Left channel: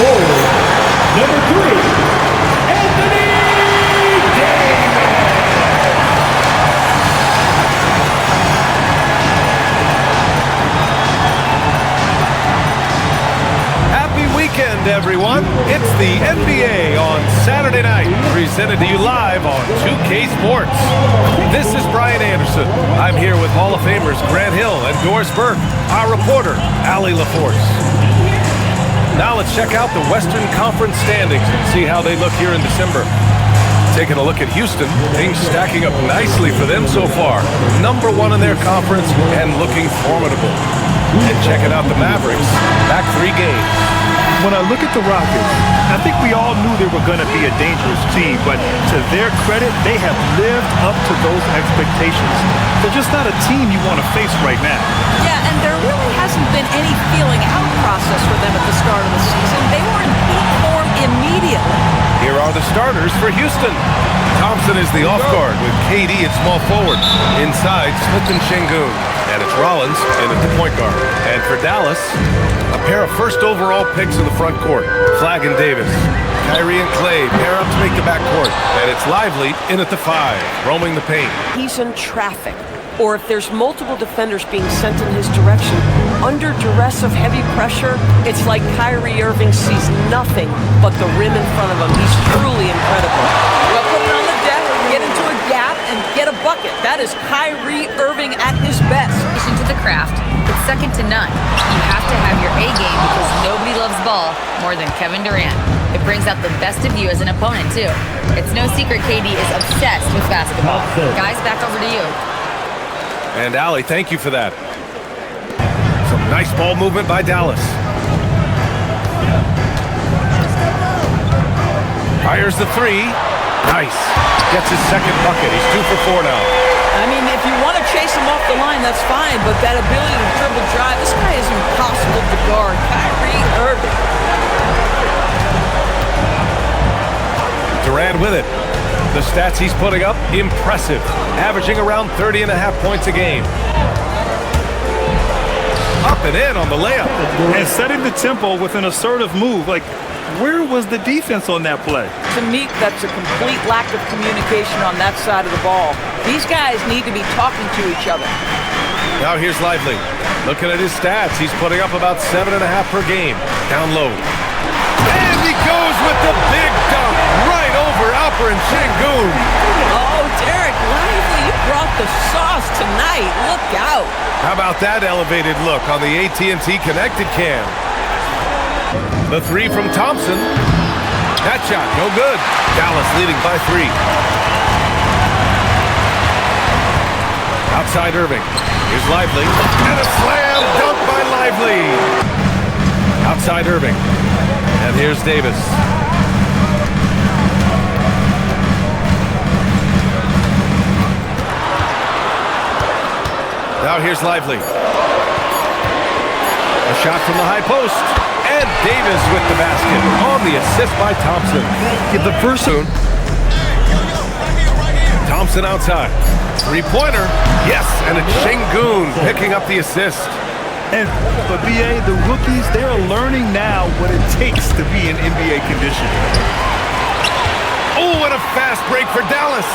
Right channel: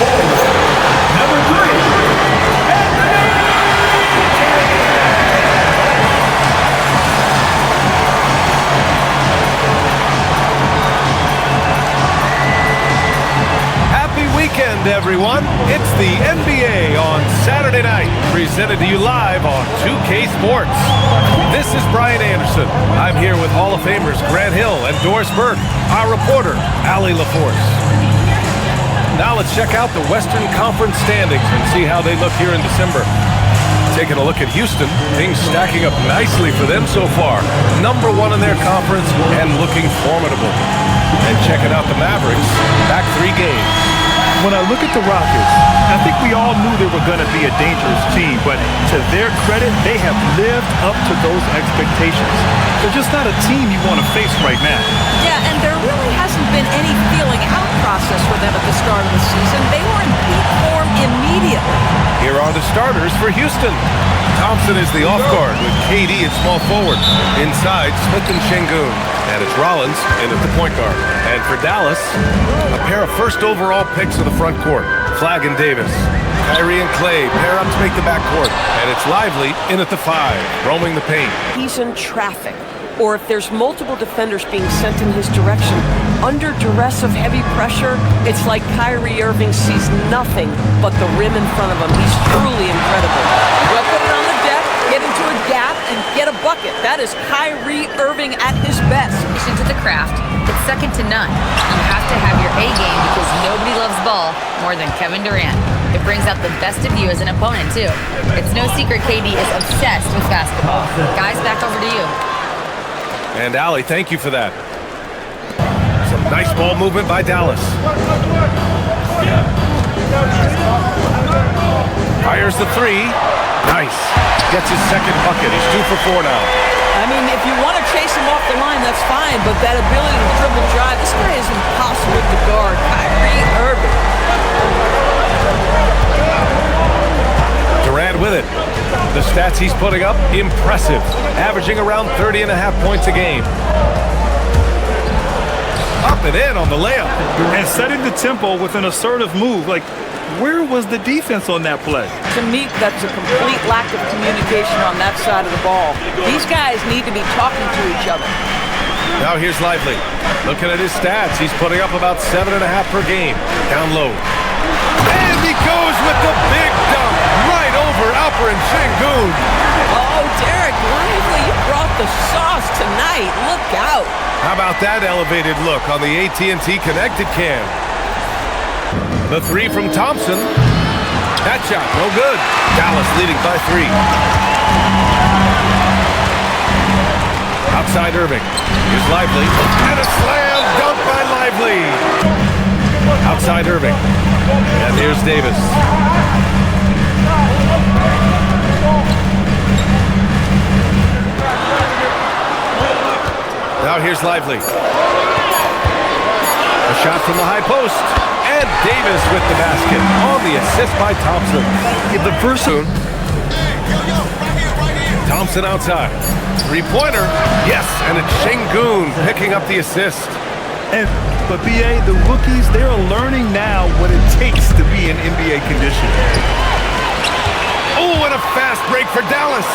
Number 3, Anthony Davis. Happy weekend, everyone. It's the NBA on Saturday night, presented to you live on 2K Sports. This is Brian Anderson. I'm here with Hall of Famers Grant Hill and Doris Burke, our reporter, Allie LaForce. Now let's check out the Western Conference standings and see how they look here in December. Taking a look at Houston, things stacking up nicely for them so far. Number 1 in their conference and looking formidable. And checking out the Mavericks, back 3 games. When I look at the Rockets, I think we all knew they were going to be a dangerous team, but to their credit, they have lived up to those expectations. They're just not a team you want to face right now. Yeah, and there really hasn't been any feeling out process for them at the start of the season. They were in peak form immediately. Here are the starters for Houston. Thompson is the off guard with KD at small forward. Inside, Smith and Şengün. And it's Rollins in at the point guard. And for Dallas, a pair of first overall picks in the front court. Flagg and Davis. Kyrie and Clay pair up to make the backcourt. And it's Lively in at the 5, roaming the paint. He's in traffic, or if there's multiple defenders being sent in his direction, under duress of heavy pressure, it's like Kyrie Irving sees nothing but the rim in front of him. He's truly incredible. Well, put it on the deck, get into a gap, and get a bucket. That is Kyrie Irving at his best. To the craft, it's second to none. You have to have your A game because nobody loves ball more than Kevin Durant. It brings out the best of you as an opponent, too. It's no secret KD is obsessed with basketball. Guys, back over to you. And Allie, thank you for that. Some nice ball movement by Dallas. Fires the 3. Nice. Gets his second bucket. He's 2 for 4 now. I mean, if you want to chase him off the line, that's fine, but that ability to dribble drive, this guy is impossible to guard. Kyrie Irving. Durant with it. The stats he's putting up, impressive. Averaging around 30.5 points a game. Up and in on the layup. And setting the tempo with an assertive move. Like, where was the defense on that play? To me, that's a complete lack of communication on that side of the ball. These guys need to be talking to each other. Now here's Lively. Looking at his stats, he's putting up about 7.5 per game. Down low. And he goes with the big dunk right over Alperen Şengün. Oh, Derek Lively, you brought the sauce tonight. Look out. How about that elevated look on the AT&T Connected Cam? The 3 from Thompson. That shot, no good. Dallas leading by 3. Outside Irving. Here's Lively. And a slam dunk by Lively. Outside Irving. And here's Davis. Now here's Lively. A shot from the high post. And Davis with the basket on the assist by Thompson. Give the first soon. Thompson outside. 3-pointer. Yes, and it's Şengün picking up the assist. But BA, the rookies, they're learning now what it takes to be in NBA condition. Oh, and a fast break for Dallas.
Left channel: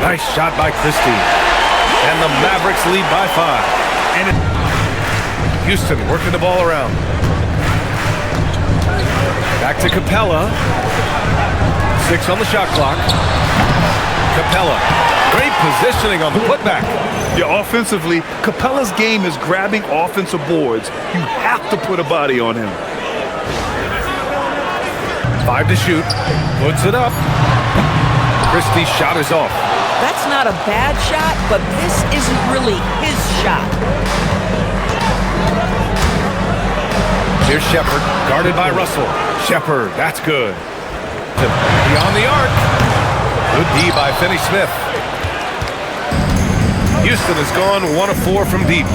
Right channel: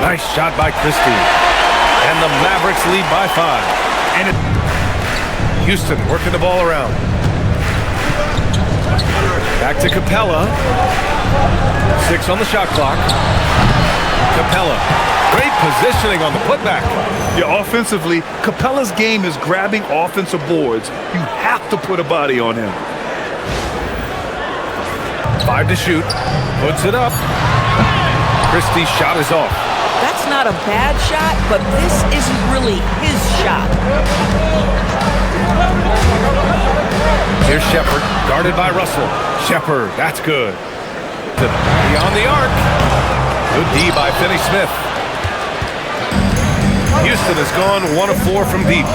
Nice shot by Christie. And the Mavericks lead by 5. And Houston working the ball around. Back to Capella. 6 on the shot clock. Capella. Great positioning on the putback. Yeah, offensively, Capella's game is grabbing offensive boards. You have to put a body on him. 5 to shoot. Puts it up. Christie's shot is off. That's not a bad shot, but this isn't really his shot. Here's Shepherd, guarded by Russell. Shepherd, that's good. Beyond the arc. Good D by Finney-Smith. Houston has gone 1 of 4 from deep.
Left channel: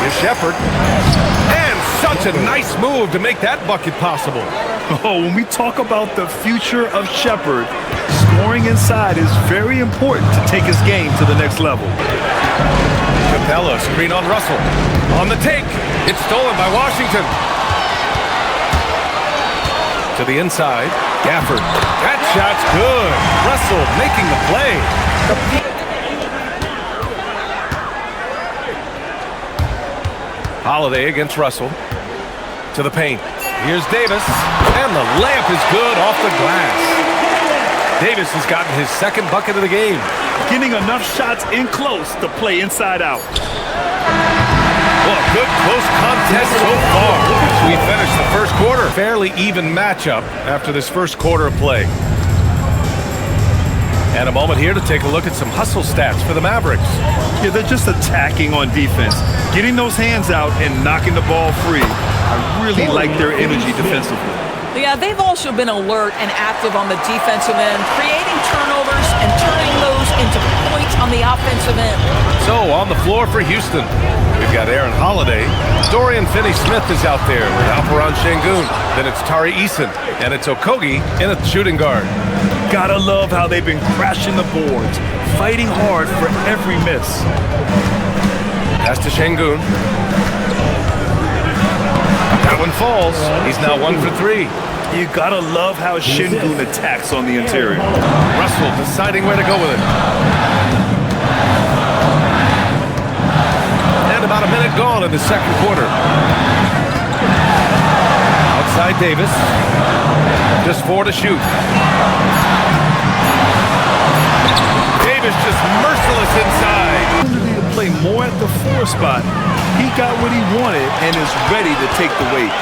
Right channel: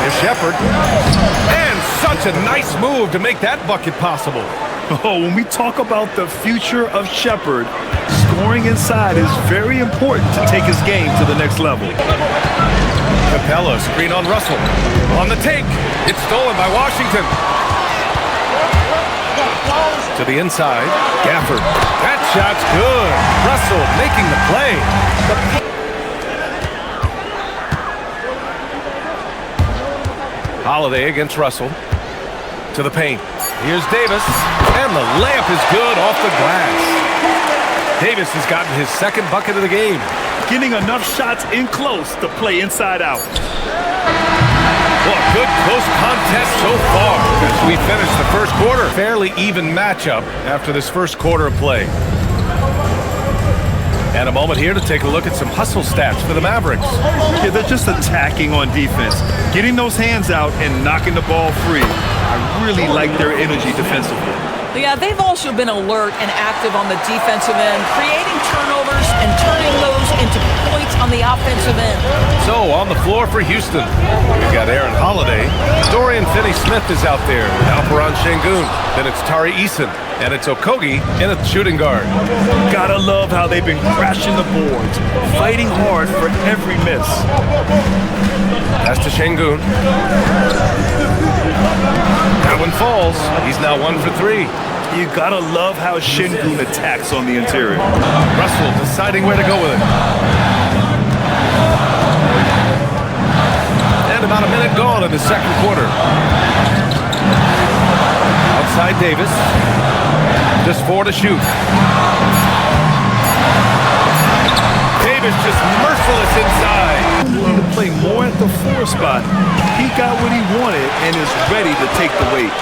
Here's Shepherd. And such a nice move to make that bucket possible. Oh, when we talk about the future of Shepherd, scoring inside is very important to take his game to the next level. Capella, screen on Russell. On the take. It's stolen by Washington. To the inside, Gafford. That shot's good. Russell making the play. Holiday against Russell. To the paint. Here's Davis. And the layup is good off the glass. Davis has gotten his second bucket of the game. Getting enough shots in close to play inside out. Well, a good close contest so far as we finish the first quarter. Fairly even matchup after this first quarter of play. And a moment here to take a look at some hustle stats for the Mavericks. Yeah, they're just attacking on defense. Getting those hands out and knocking the ball free. I really like their energy defensively. Yeah, they've also been alert and active on the defensive end, creating turnovers and turning those into points on the offensive end. So, on the floor for Houston, we've got Aaron Holiday. Dorian Finney-Smith is out there with Alperen Şengün. Then it's Tari Eason, and it's Okogie in a shooting guard. Gotta love how they've been crashing the boards, fighting hard for every miss. Pass to Şengün. That one falls. He's now 1 for 3. You gotta love how Şengün attacks on the interior. Russell deciding where to go with it. And about a minute gone in the second quarter. Outside Davis. Just 4 to shoot. Davis just merciless inside. Opportunity to play more at the 4 spot. He got what he wanted and is ready to take the weight.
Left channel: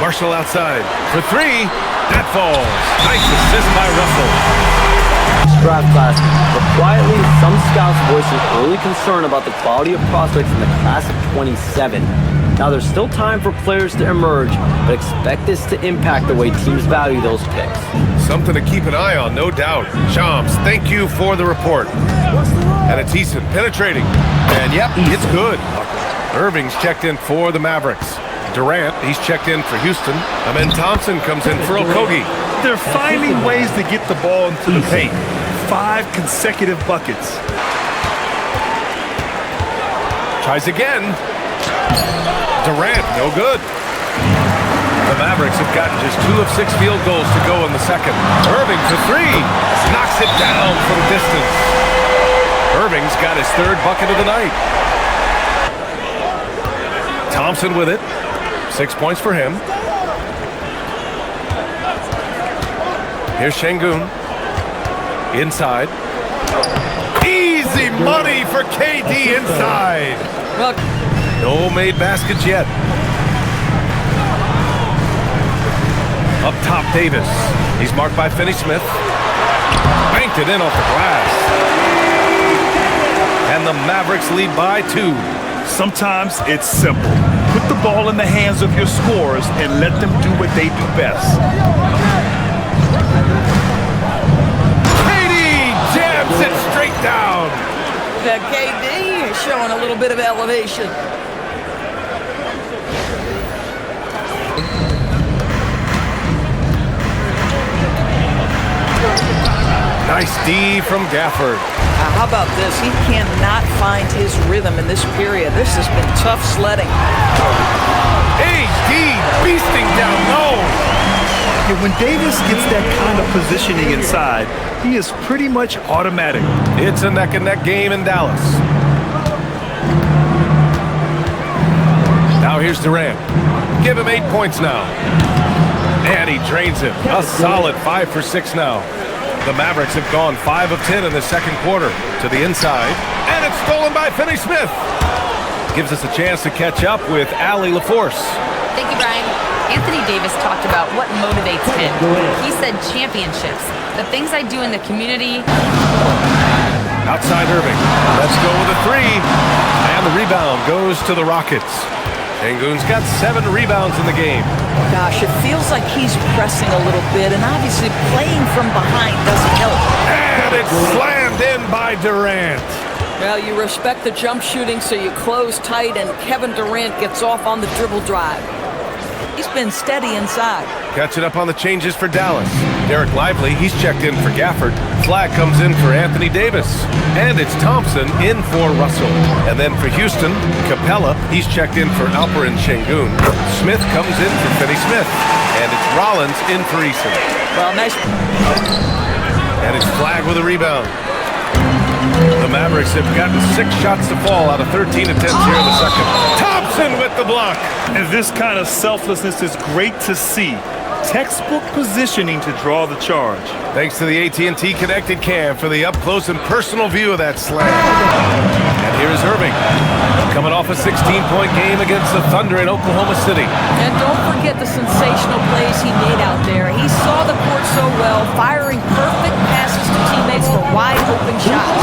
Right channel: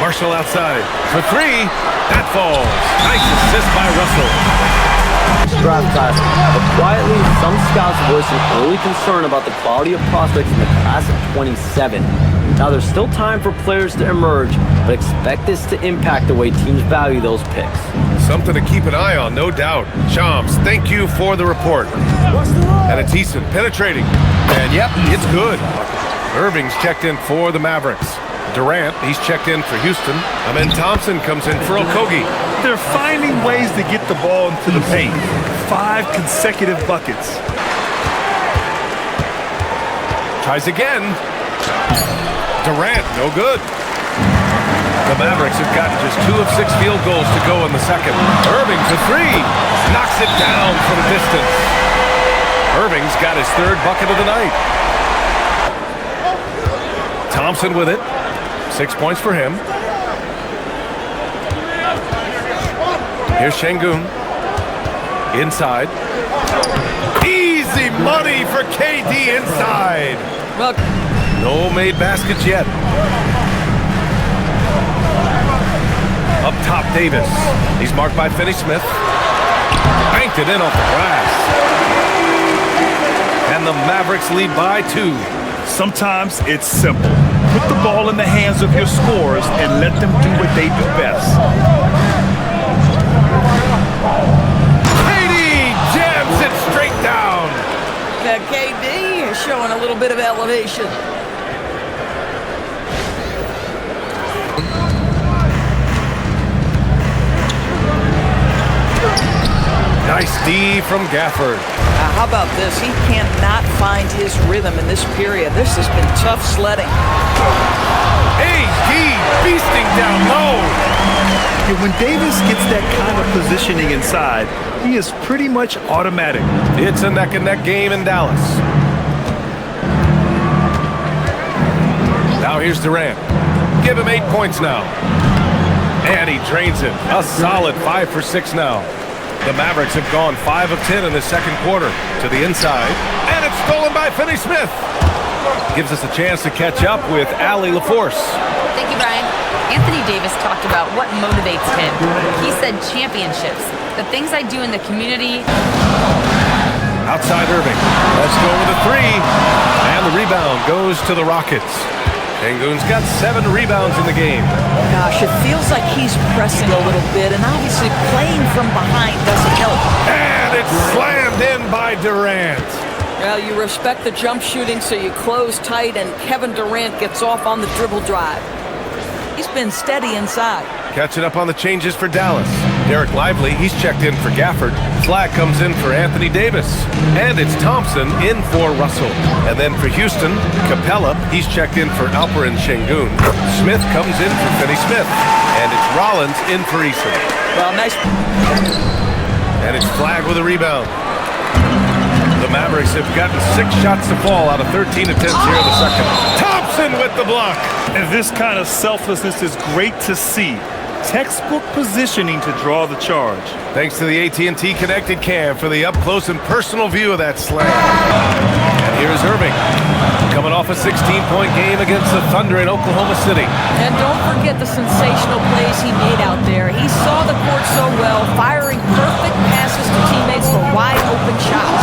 Marshall outside for 3. That falls. Nice assist by Russell. Draft class, but quietly, some scouts voiced an early concern about the quality of prospects in the class of 27. Now, there's still time for players to emerge, but expect this to impact the way teams value those picks. Something to keep an eye on, no doubt. Shams, thank you for the report. And it's Eason penetrating. And yep, it's good. Irving's checked in for the Mavericks. Durant, he's checked in for Houston. And then Thompson comes in for Okogie. They're finding ways to get the ball into the paint. 5 consecutive buckets. Tries again. Durant, no good. The Mavericks have gotten just 2 of 6 field goals to go in the second. Irving for 3. Knocks it down from distance. Irving's got his 3rd bucket of the night. Thompson with it. 6 points for him. Here's Şengün. Inside. Easy money for KD inside. Well, no made baskets yet. Up top, Davis. He's marked by Finney-Smith. Banked it in off the glass. And the Mavericks lead by 2. Sometimes it's simple. Put the ball in the hands of your scorers and let them do what they do best. KD jams it straight down. the KD is showing a little bit of elevation. Nice D from Gafford. How about this? He cannot find his rhythm in this period. This has been tough sledding. AD beasting down low. Yeah, when Davis gets that kind of positioning inside, he is pretty much automatic. It's a neck-and-neck game in Dallas. Now here's Durant. Give him 8 points now. And he drains it. A solid 5 for 6 now. The Mavericks have gone 5 of 10 in the second quarter. To the inside. And it's stolen by Finney-Smith. Gives us a chance to catch up with Allie LaForce. Thank you, Brian. Anthony Davis talked about what motivates him. He said championships, the things I do in the community. Outside Irving. Let's go with a 3. And the rebound goes to the Rockets. Şengün's got 7 rebounds in the game. Gosh, it feels like he's pressing a little bit, and obviously playing from behind doesn't help. And it's slammed in by Durant. Well, you respect the jump shooting, so you close tight, and Kevin Durant gets off on the dribble drive. He's been steady inside. Catching up on the changes for Dallas. Derek Lively, he's checked in for Gafford. Flag comes in for Anthony Davis. And it's Thompson in for Russell. And then for Houston, Capella, he's checked in for Alperen Şengün. Smith comes in for Finney Smith. And it's Rollins in for Eason. Well, nice. And it's Flag with a rebound. The Mavericks have gotten 6 shots to fall out of 13 attempts here in the second. Thompson with the block. And this kind of selflessness is great to see. Textbook positioning to draw the charge. Thanks to the AT&T Connected Cam for the up-close and personal view of that slam. And here's Irving, coming off a 16-point game against the Thunder in Oklahoma City. And don't forget the sensational plays he made out there. He saw the court so well, firing perfect passes to teammates for wide-open shots.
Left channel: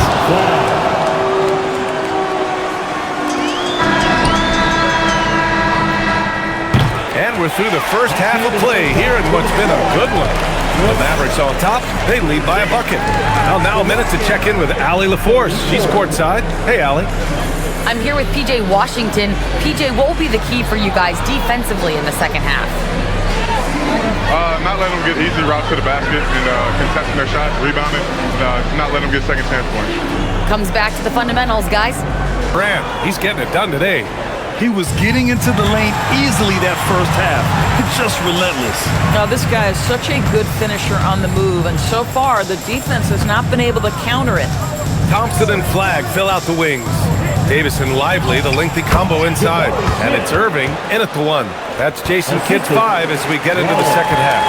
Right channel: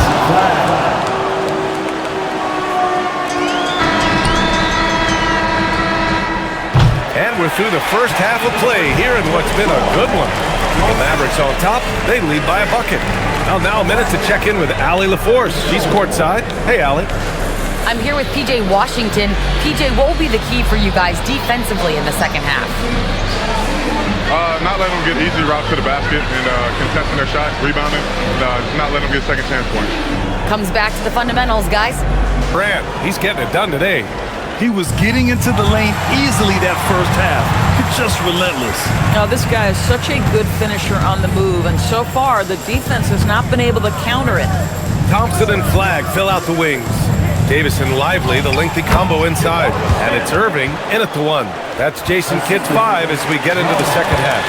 And we're through the first half of play here in what's been a good one. The Mavericks on top. They lead by a bucket. Now a minute to check in with Allie LaForce. She's courtside. Hey, Allie. I'm here with PJ Washington. PJ, what will be the key for you guys defensively in the second half? Not letting them get easy routes to the basket and contesting their shots, rebounding, not letting them get second chance points. Comes back to the fundamentals, guys. Brand, he's getting it done today. He was getting into the lane easily that first half. It's just relentless. Now, this guy is such a good finisher on the move, and so far, the defense has not been able to counter it. Thompson and Flag fill out the wings. Davis and Lively, the lengthy combo inside. And it's Irving in at the 1. That's Jason Kidd's 5 as we get into the second half.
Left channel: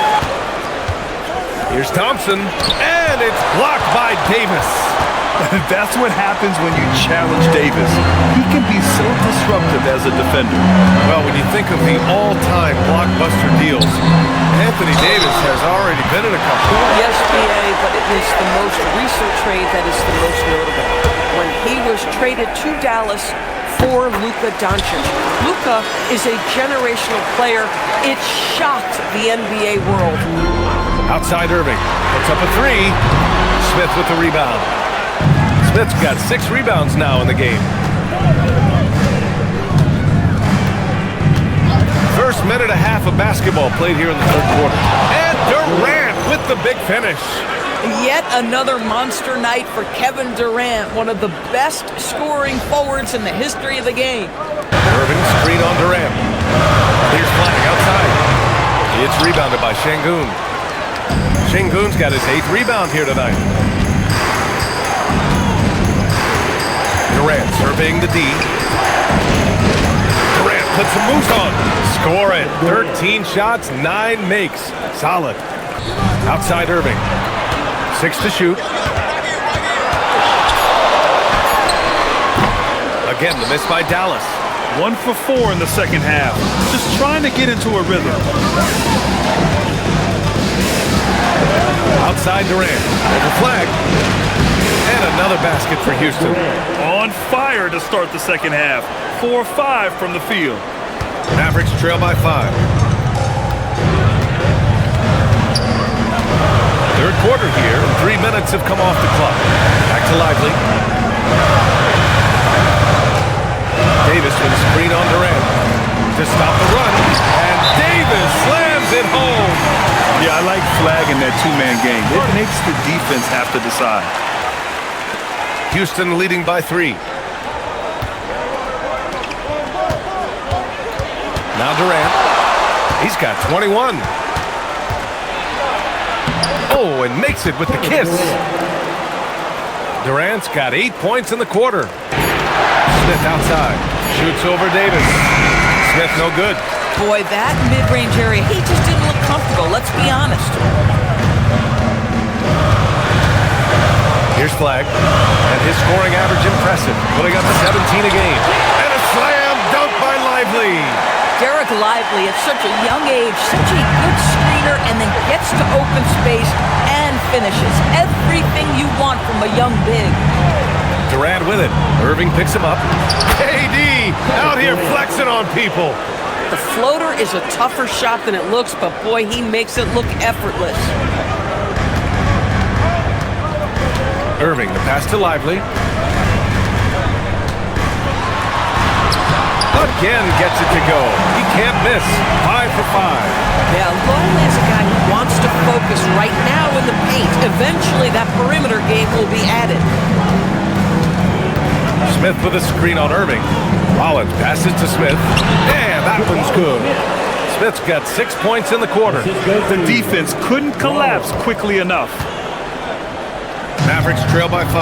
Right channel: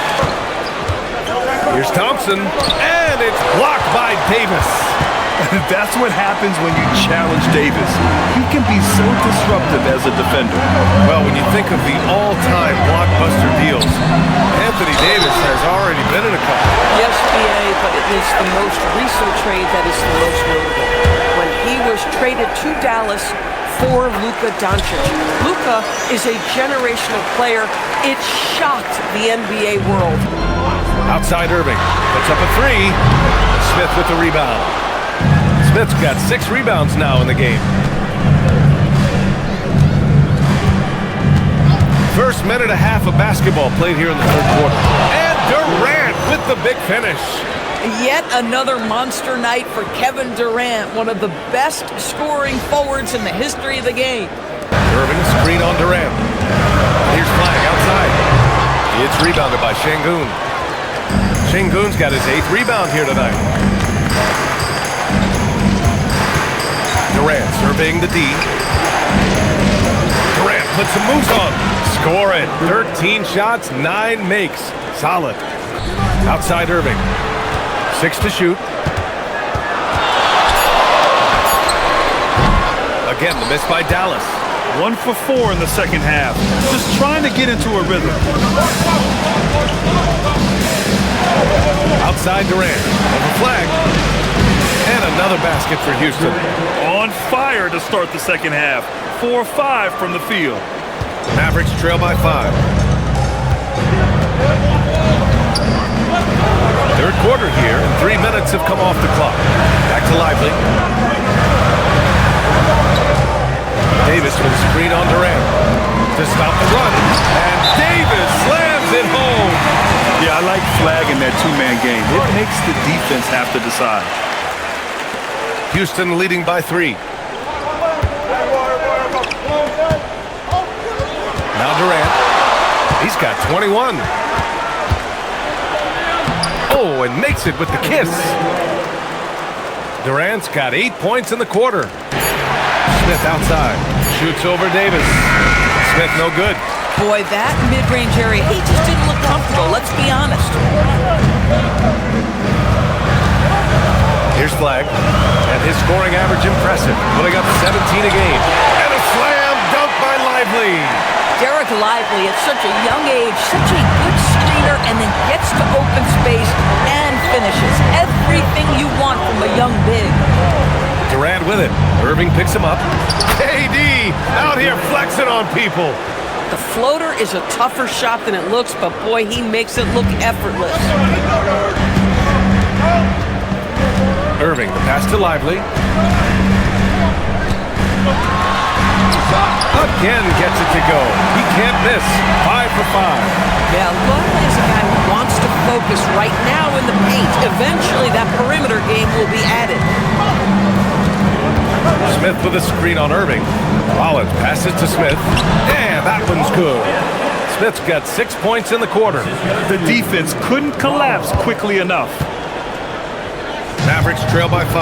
Here's Thompson, and it's blocked by Davis. That's what happens when you challenge Davis. He can be so disruptive as a defender. Well, when you think of the all-time blockbuster deals, Anthony Davis has already been in a couple. Yes, BA, but it is the most recent trade that is the most notable. When he was traded to Dallas for Luka Doncic. Luka is a generational player. It shocked the NBA world. Outside Irving, puts up a 3. Smith with the rebound. Smith's got 6 rebounds now in the game. First minute and a half of basketball played here in the third quarter. And Durant with the big finish. Yet another monster night for Kevin Durant, one of the best scoring forwards in the history of the game. Irving screen on Durant. Here's Flag outside. It's rebounded by Şengün. Şengün's got his 8th rebound here tonight. Durant surveying the D. Durant puts some moves on. Score it. 13 shots, 9 makes. Solid. Outside Irving. 6 to shoot. Again, the miss by Dallas. 1 for 4 in the second half. Just trying to get into a rhythm. Outside Durant. Over Flag. And another basket for Houston. On fire to start the second half. 4-5 from the field. Mavericks trail by 5. Third quarter here, and 3 minutes have come off the clock. Back to Lively. Davis with a screen on Durant to stop the run. And Davis slams it home. Yeah, I like Flag in that two-man game. It makes the defense have to decide. Houston leading by 3. Now Durant. He's got 21. Oh, and makes it with the kiss. Durant's got 8 points in the quarter. Smith outside. Shoots over Davis. Smith no good. Boy, that mid-range area, he just didn't look comfortable, let's be honest. Here's Flag. And his scoring average impressive. Putting up 17 a game. And a slam dunk by Lively. Derek Lively at such a young age, such a good screener, and then gets to open space and finishes. Everything you want from a young big. Durant with it. Irving picks him up. KD out here flexing on people. The floater is a tougher shot than it looks, but boy, he makes it look effortless. Irving, the pass to Lively. Again gets it to go. He can't miss. 5 for 5. Yeah, Longley is a guy who wants to focus right now in the paint. Eventually, that perimeter game will be added. Smith with a screen on Irving. Rollins passes to Smith. And that one's good. Smith's got 6 points in the quarter. The defense couldn't collapse quickly enough. Mavericks trail by 5.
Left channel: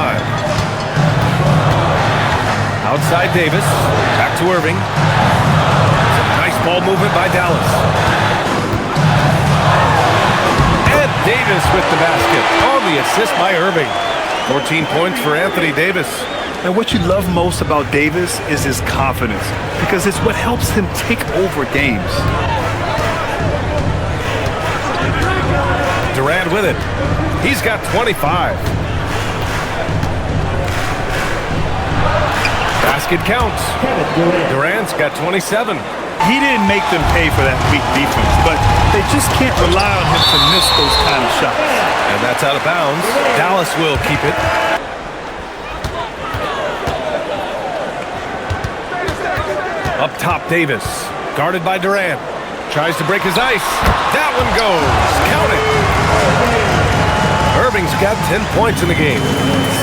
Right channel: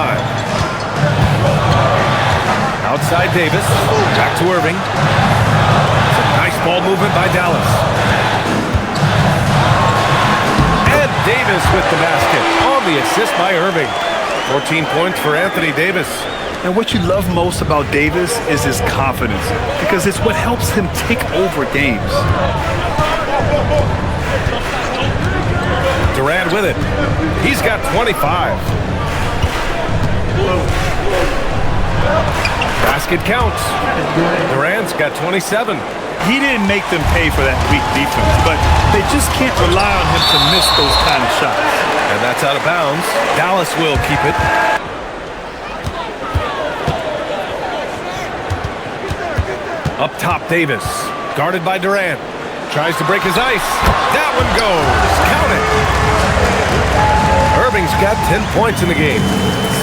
Outside Davis. Back to Irving. Some nice ball movement by Dallas. And Davis with the basket on the assist by Irving. 14 points for Anthony Davis. And what you love most about Davis is his confidence, because it's what helps him take over games. Durant with it. He's got 25. Basket counts. Durant's got 27. He didn't make them pay for that weak defense, but they just can't rely on him to miss those kind of shots. And that's out of bounds. Dallas will keep it. Up top, Davis. Guarded by Durant. Tries to break his ice. That one goes. Count it. Irving's got 10 points in the game.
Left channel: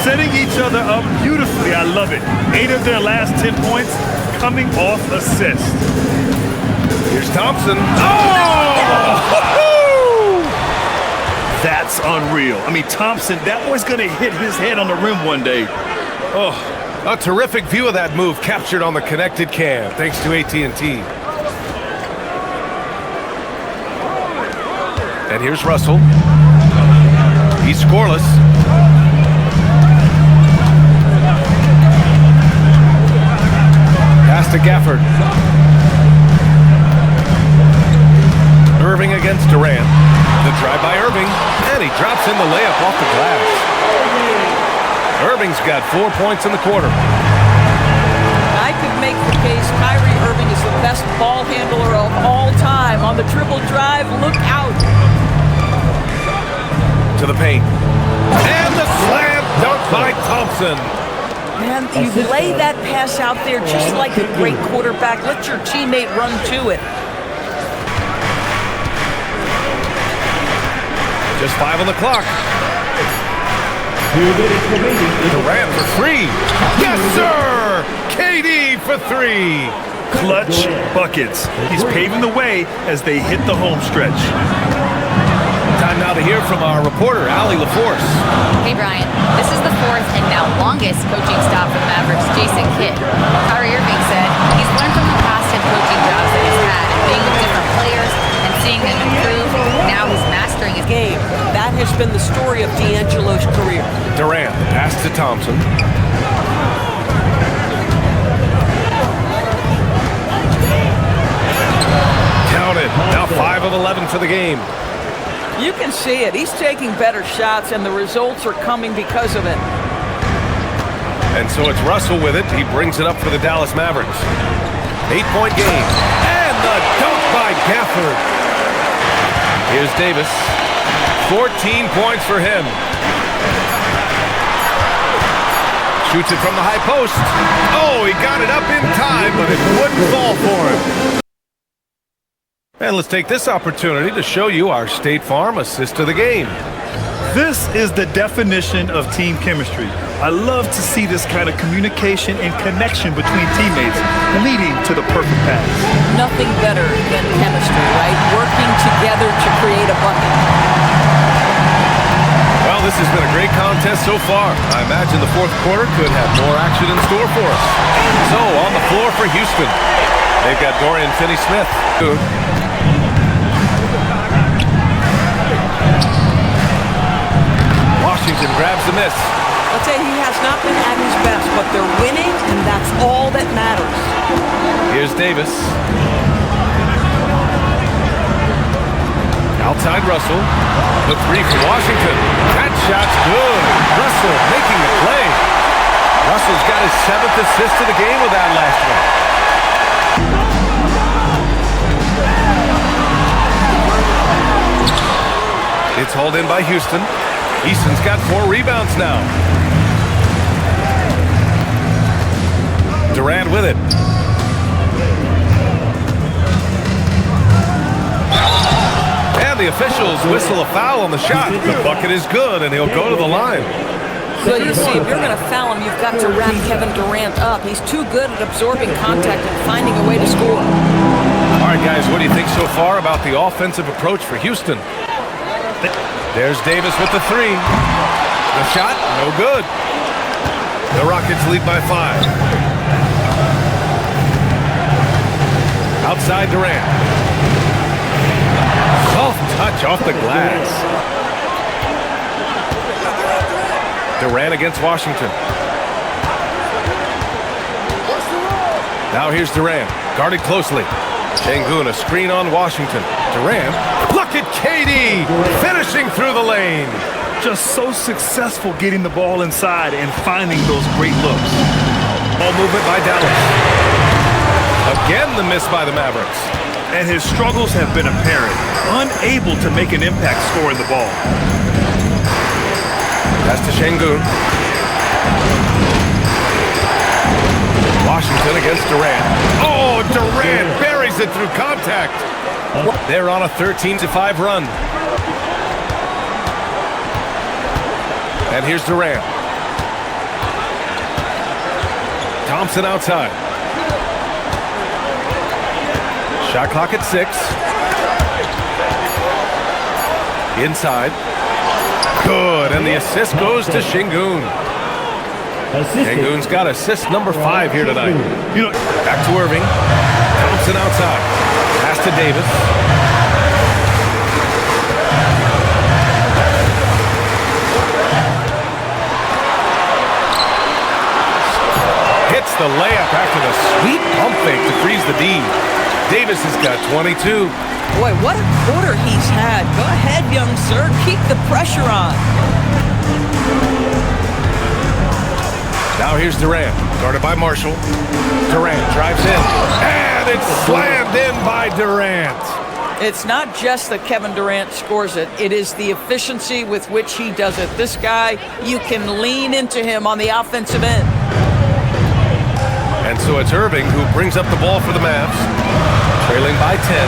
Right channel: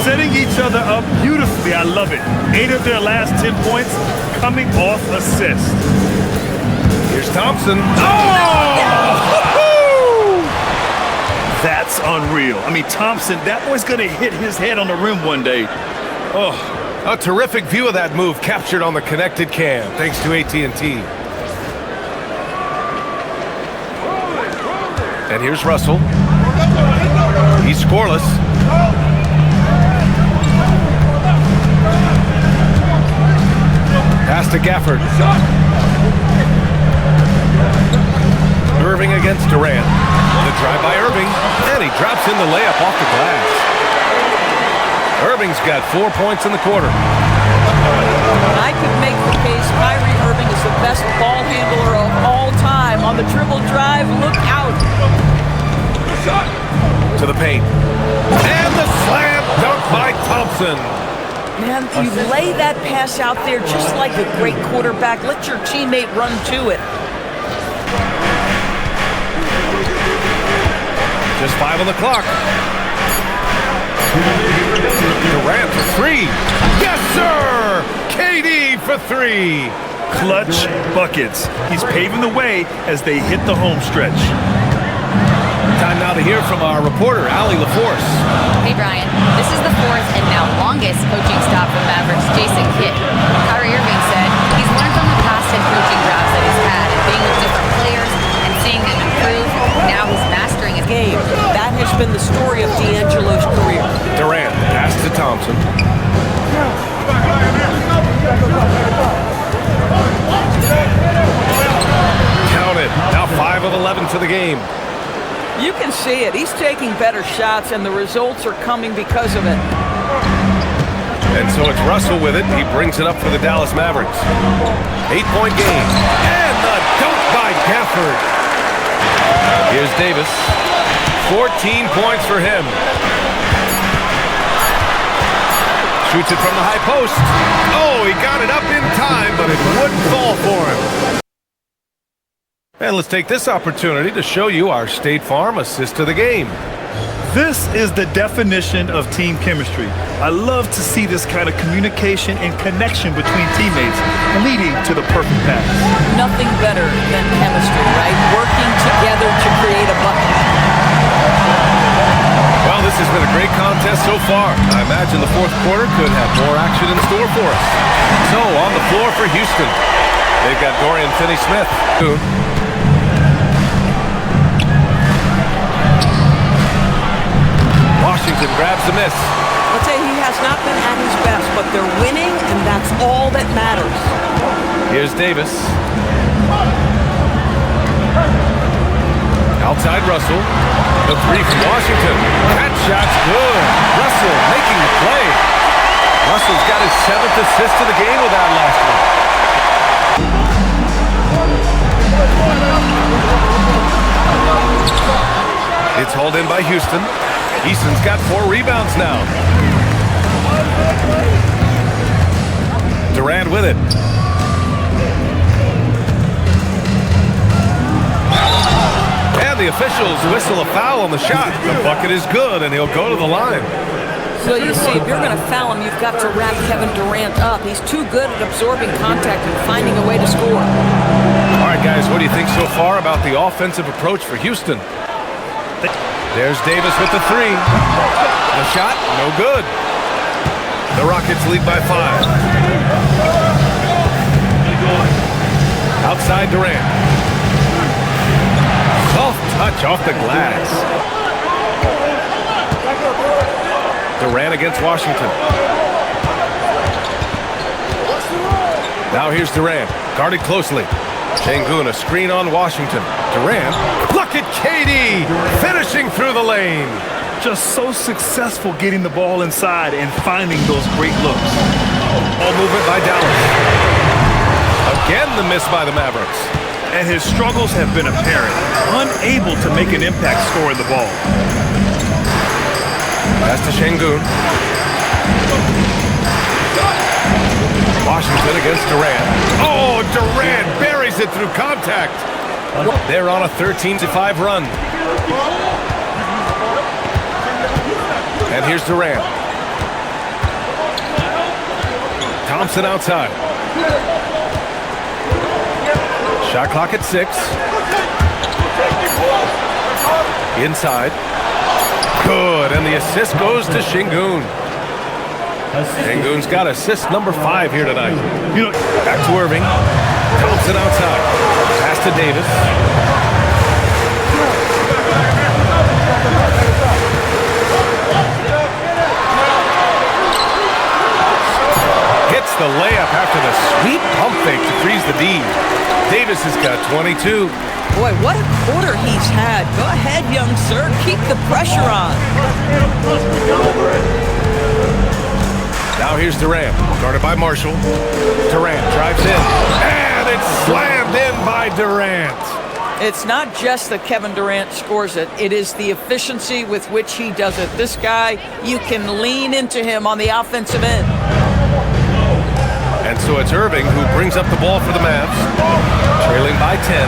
Setting each other up beautifully. I love it. 8 of their last 10 points coming off assist. Here's Thompson. Oh! That's unreal. I mean, Thompson, that boy's going to hit his head on the rim one day. Oh. A terrific view of that move captured on the connected cam, thanks to AT&T. And here's Russell. He's scoreless. Pass to Gafford. Irving against Durant. The drive by Irving, and he drops in the layup off the glass. Irving's got 4 points in the quarter. I could make the case Kyrie Irving is the best ball handler of all time. On the dribble drive, look out. To the paint. And the slam dunk by Thompson. Man, you lay that pass out there just like a great quarterback. Let your teammate run to it. Just 5 on the clock. Durant for 3. Yes, sir! KD for 3. Clutch buckets. He's paving the way as they hit the home stretch. Time now to hear from our reporter, Allie LaForce. Hey, Brian. This is the 4th and now longest coaching stop for the Mavericks, Jason Kidd. Kyrie Irving said he's learned from the past 10 coaching jobs that he's had and being with different players and seeing them improve. Now he's mastering his Game. That has been the story of D'Angelo's career. Durant, pass to Thompson. Count it. Now 5 of 11 for the game. You can see it. He's taking better shots, and the results are coming because of it. And so it's Russell with it. He brings it up for the Dallas Mavericks. 8-point game. And the dunk by Gafford. Here's Davis. 14 points for him. Shoots it from the high post. Oh, he got it up in time, but it wouldn't fall for him. And let's take this opportunity to show you our State Farm assist of the game. This is the definition of team chemistry. I love to see this kind of communication and connection between teammates leading to the perfect pass. Nothing better than chemistry, right? Working together to create a bucket. Well, this has been a great contest so far. I imagine the fourth quarter could have more action in store for us. So, on the floor for Houston, they've got Dorian Finney-Smith. Washington grabs the miss. Let's say he has not been at his best, but they're winning, and that's all that matters. Here's Davis. Outside Russell. The 3 from Washington. That shot's good. Russell making the play. Russell's got his 7th assist of the game with that last one. It's hauled in by Houston. Easton's got 4 rebounds now. Durant with it. the officials whistle a foul on the shot. The bucket is good, and he'll go to the line. Well, you see, if you're going to foul him, you've got to wrap Kevin Durant up. He's too good at absorbing contact and finding a way to score. All right, guys, what do you think so far about the offensive approach for Houston? There's Davis with the three. The shot, no good. The Rockets lead by 5. Outside Durant. Soft touch off the glass. Durant against Washington. Now here's Durant, guarded closely. Şengün, a screen on Washington. Durant, look at KD, finishing through the lane. Just so successful getting the ball inside and finding those great looks. Ball movement by Dallas. Again, the miss by the Mavericks. And his struggles have been apparent, unable to make an impact scoring the ball. Pass to Şengün. Washington against Durant. Oh, Durant buries it through contact. They're on a 13-5 run. And here's Durant. Thompson outside. Shot clock at 6. Inside. Good, and the assist goes to Şengün. Şengün's got assist number 5 here tonight. Back to Irving. Thompson outside. Pass to Davis. Hits the layup after the sweet pump fake to freeze the D. Davis has got 22. Boy, what a quarter he's had. Go ahead, young sir. Keep the pressure on. Now here's Durant, guarded by Marshall. Durant drives in, and it's slammed in by Durant. It's not just that Kevin Durant scores it. It is the efficiency with which he does it. This guy, you can lean into him on the offensive end. And so it's Irving who brings up the ball for the Mavs, trailing by 10.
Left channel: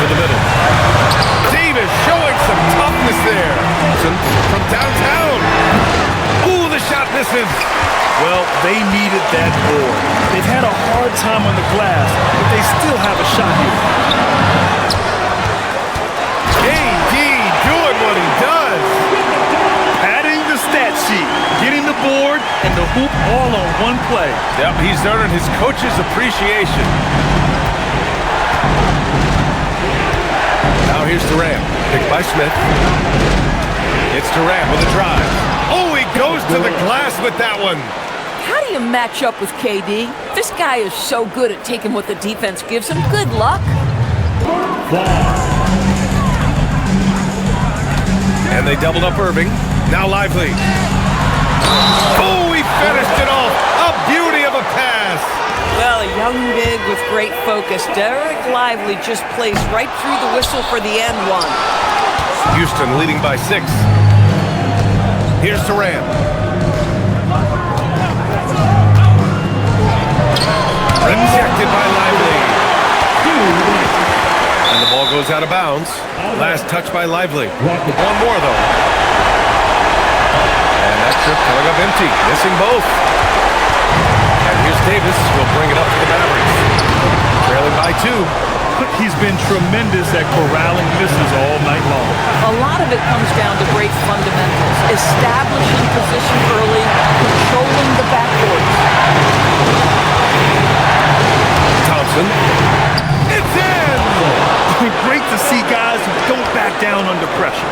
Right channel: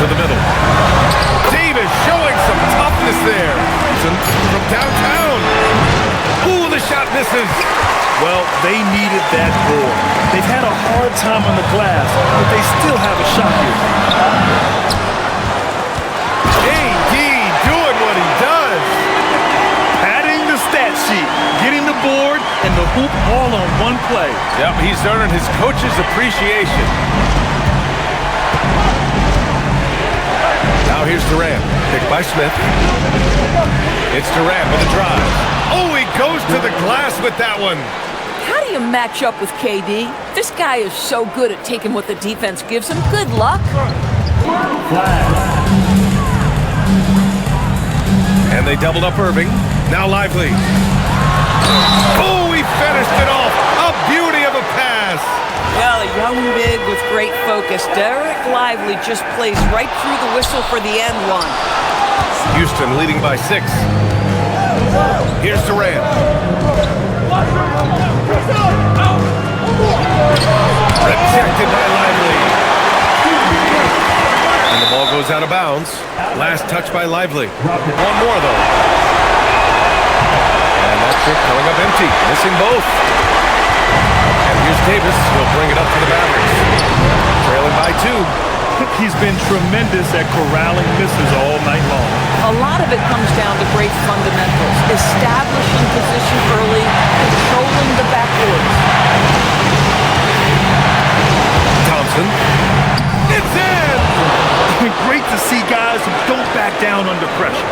To the middle. Davis showing some toughness there. From downtown. Ooh, the shot misses. Well, they needed that board. They've had a hard time on the glass, but they still have a shot here. KD doing what he does. Padding the stat sheet, getting the board and the hoop all on one play. Yep, he's earning his coach's appreciation. Now here's Durant, picked by Smith. It's Durant with a drive. Oh, he goes to the glass with that one. How do you match up with KD? This guy is so good at taking what the defense gives him. Good luck. And they doubled up Irving. Now Lively. Oh, he finished it off. A beauty of a pass. Well, a young big with great focus. Derek Lively just plays right through the whistle for the end one. Houston leading by 6. Here's Durant. Rejected by Lively. And the ball goes out of bounds. Last touch by Lively. One more, though. And that trip coming up empty. Missing both. And here's Davis. He'll bring it up for the Mavericks. Trailing by 2. He's been tremendous at corralling misses all night long. A lot of it comes down to great fundamentals. Establishing position early, controlling the backboards. Thompson. It's in! Great to see guys who don't back down under pressure.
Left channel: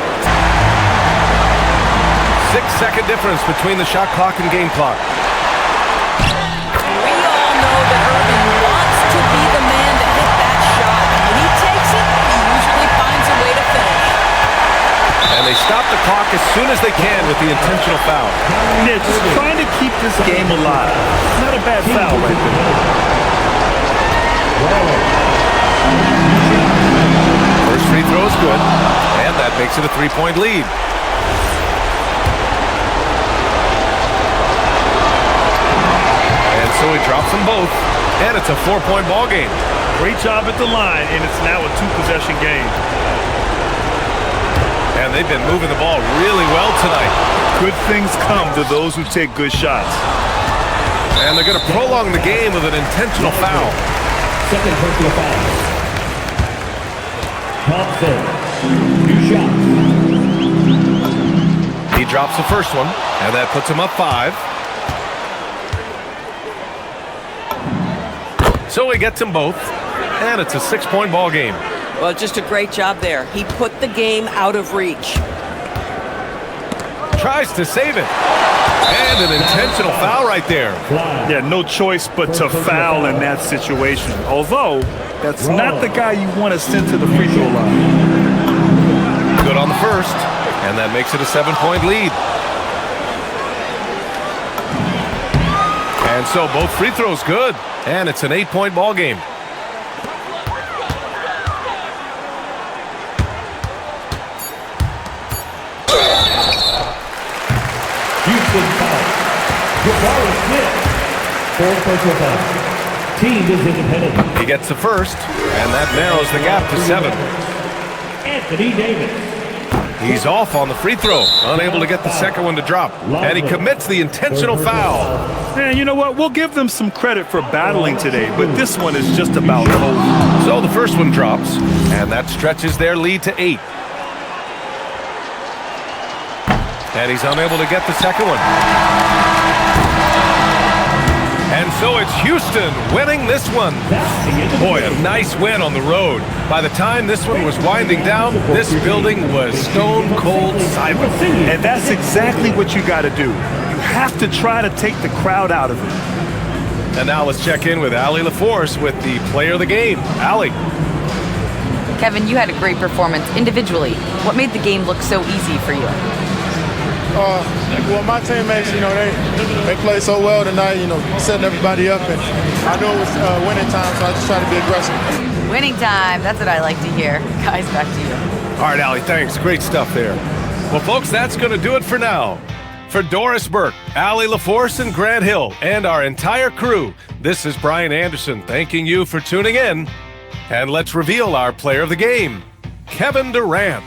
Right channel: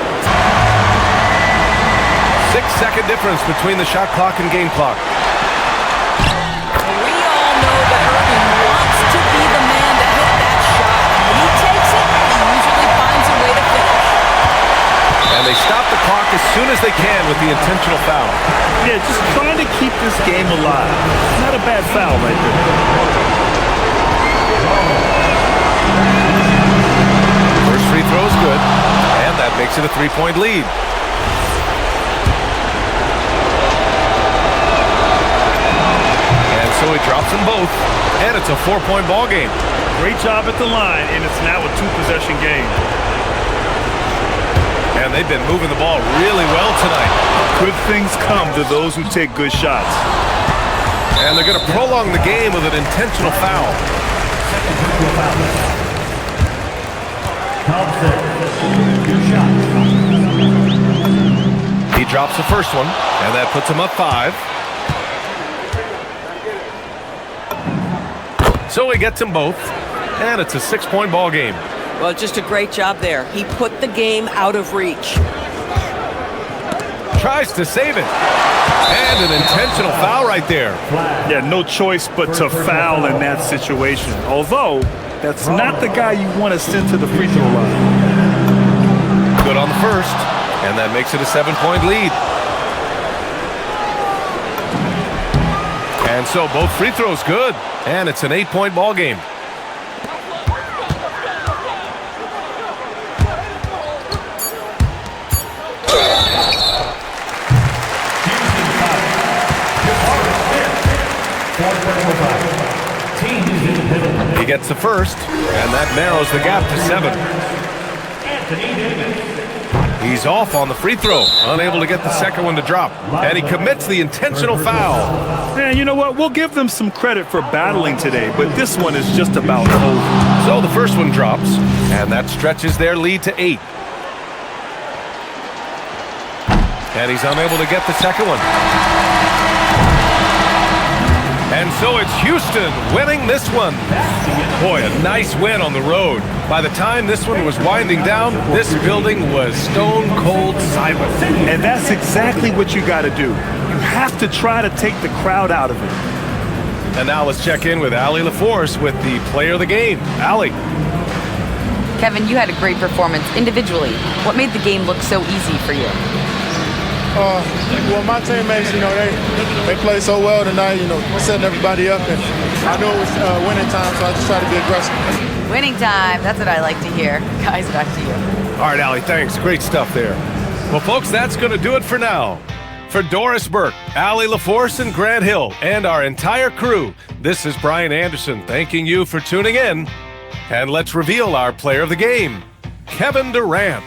6-second difference between the shot clock and game clock. We all know that Irving wants to be the man to hit that shot. And when he takes it, he usually finds a way to finish. And they stop the clock as soon as they can with the intentional foul. Yeah, just trying to keep this game alive. Not a bad foul right there. First free throw is good, and that makes it a 3-point lead. And so he drops them both, and it's a 4-point ball game. Great job at the line, and it's now a two-possession game. And they've been moving the ball really well tonight. Good things come to those who take good shots. And they're going to prolong the game with an intentional foul. Second personal foul. Thompson, 2 shots. He drops the first one, and that puts him up 5. So he gets them both, and it's a 6-point ball game. Well, just a great job there. He put the game out of reach. Tries to save it. And an intentional foul right there. Yeah, no choice but to foul in that situation. Although, that's not the guy you want to send to the free throw line. Good on the first, and that makes it a 7-point lead. And so both free throws good, and it's an 8-point ball game. Houston foul. Jabari Smith. 4 personal foul. Team is in penalty. He gets the first, and that narrows the gap to 7. Anthony Davis. He's off on the free throw, unable to get the second one to drop. And he commits the intentional foul. And you know what? We'll give them some credit for battling today, but this one is just about over. So the first one drops, and that stretches their lead to 8. And he's unable to get the second one. And so it's Houston winning this one. Boy, a nice win on the road. By the time this one was winding down, this building was stone cold silent. And that's exactly what you got to do. You have to try to take the crowd out of it. And now let's check in with Allie LaForce with the player of the game. Allie. Kevin, you had a great performance individually. What made the game look so easy for you? Well, my teammates, they played so well tonight, setting everybody up. And I knew it was winning time, so I just tried to be aggressive. Winning time. That's what I like to hear. Guys, back to you. All right, Allie, thanks. Great stuff there. Well, folks, that's going to do it for now. For Doris Burke, Allie LaForce, and Grant Hill, and our entire crew, this is Brian Anderson thanking you for tuning in. And let's reveal our player of the game, Kevin Durant.